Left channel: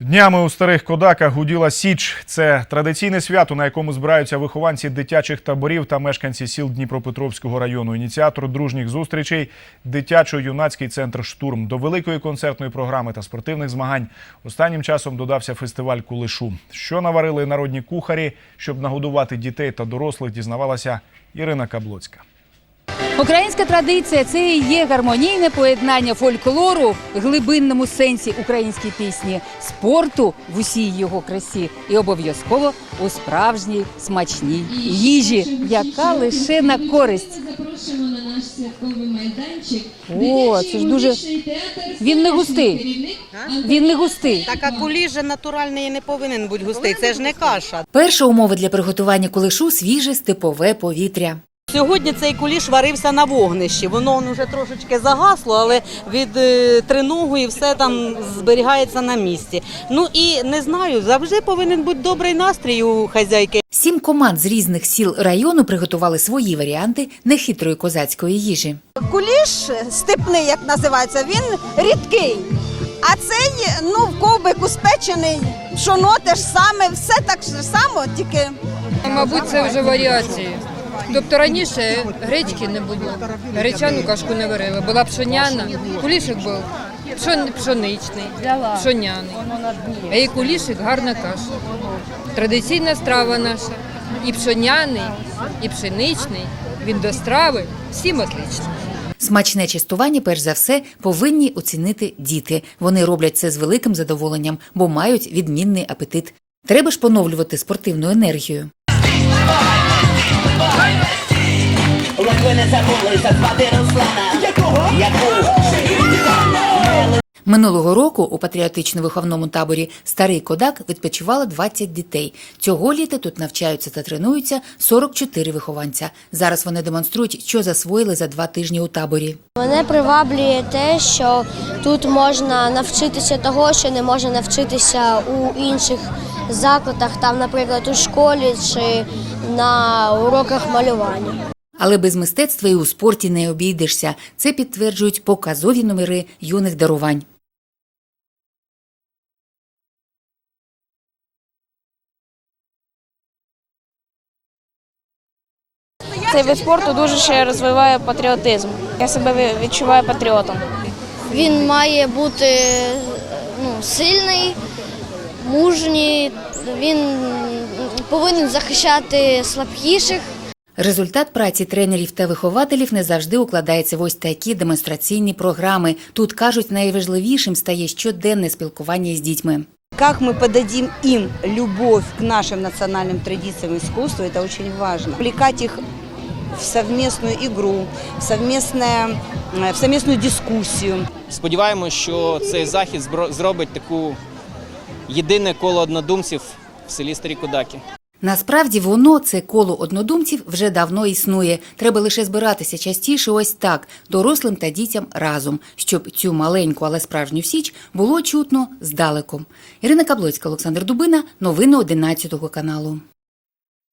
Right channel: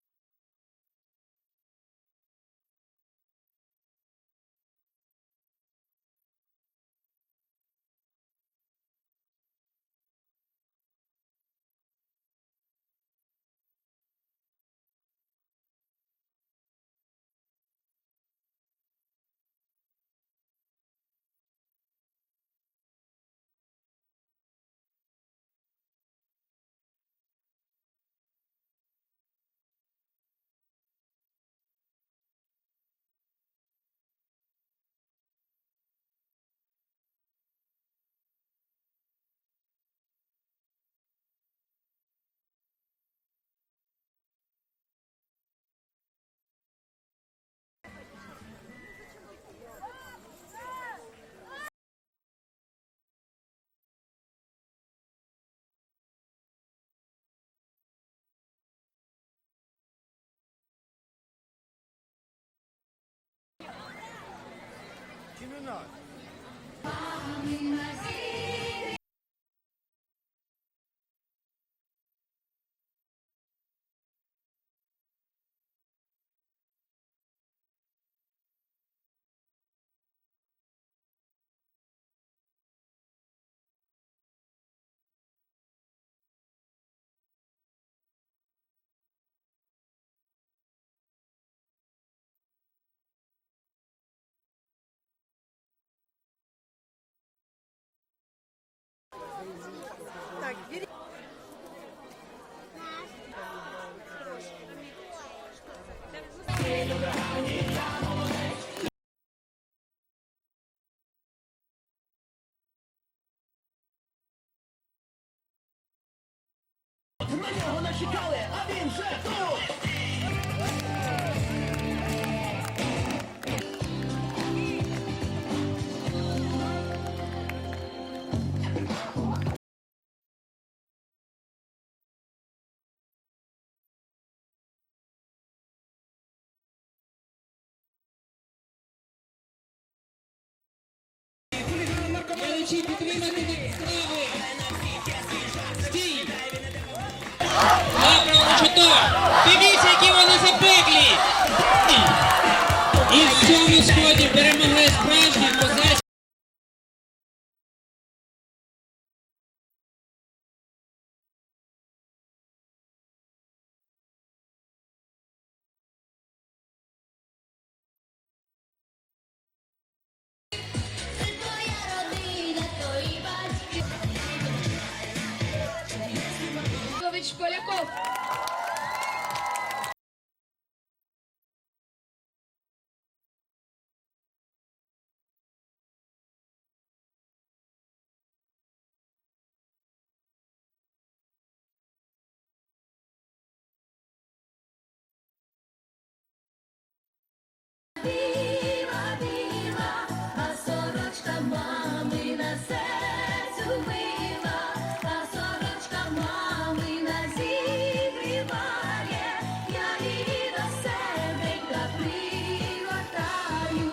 Днями у старих кодаках гуділа Січ. Це традиційне свято, на якому збираються вихованці дитячих таборів та мешканці сіл Дніпропетровського району. Ініціатор дружніх зустрічей дитячо-юнацький центр Штурм. До великої концертної програми та спортивних змагань останнім часом додався фестиваль кулешу. Що наварили народні кухарі, щоб нагодувати дітей та дорослих, дізнавалася Ірина Каблоцька. Українська традиція це і є гармонійне поєднання фольклору в глибинному сенсі української пісні, спорту в усій його красі і обов'язково у справжній смачній їжі, яка лише на користь. Запрошуємо на наш святковий майданчик. О, це ж дуже він не густий. Він не густий. Так а куліш же натуральний не повинен бути густий, це ж не каша. Перша умова для приготування кулешу свіже степове повітря. Сьогодні цей куліш варився на вогнищі. Воно вже трошечки загасло, але від е, триногу і все там зберігається на місці. Ну і не знаю, завжди повинен бути добрий настрій у хазяйки. Сім команд з різних сіл району приготували свої варіанти нехитрої козацької їжі. Куліш степний, як називається, він рідкий. А цей ну в ковбику спечений, пшоно те ж саме, все так само, тільки Мабуть, це вже варіації. Тобто раніше гречки не було, гречану кашку не варили, була пшоняна, кулішик був пшон- пшоничний, пшоняний, а і кулішик гарна каша. Традиційна страва наша. І пшоняний, і пшеничний, він до страви, всім отлично. Смачне частування, перш за все, повинні оцінити діти. Вони роблять це з великим задоволенням, бо мають відмінний апетит. Треба ж поновлювати спортивну енергію. Як ви не забули зазвати Руслана, якого? Яку? Минулого року у патріотично-виховному таборі Старий Кодак відпочивало 20 дітей. Цього літа тут навчаються та тренуються 44 вихованця. Зараз вони демонструють, що засвоїли за два тижні у таборі. Мене приваблює те, що тут можна навчитися того, що не можна навчитися у інших закладах, там, наприклад, у школі чи на уроках малювання. Але без мистецтва і у спорті не обійдешся. Це підтверджують показові номери юних дарувань. Дивіться, які вони запеклі! І в цьому сході перемогли справжні козацькі. Цей вид спорту дуже ще розвиває патріотизм. Я себе відчуваю патріотом. Він має бути ну, сильний, мужній, він повинен захищати слабкіших. Результат праці тренерів та вихователів не завжди укладається в ось такі демонстраційні програми. Тут кажуть, найважливішим стає щоденне спілкування з дітьми. Как мы подадим им любовь к нашим национальным традициям и искусству, это очень важно. Влекать их в совместную игру, в, совместное, э, в совместную дискуссию. Сподіваємось, що цей захід збро- зробить таку єдине коло однодумців в селі Старі Кудаки. Насправді воно, це коло однодумців, вже давно існує. Треба лише збиратися частіше, ось так, дорослим та дітям разом, щоб цю маленьку, але справжню січ було чутно здалеку. Ірина Каблоцька, Олександр Дубина, новини 11 каналу.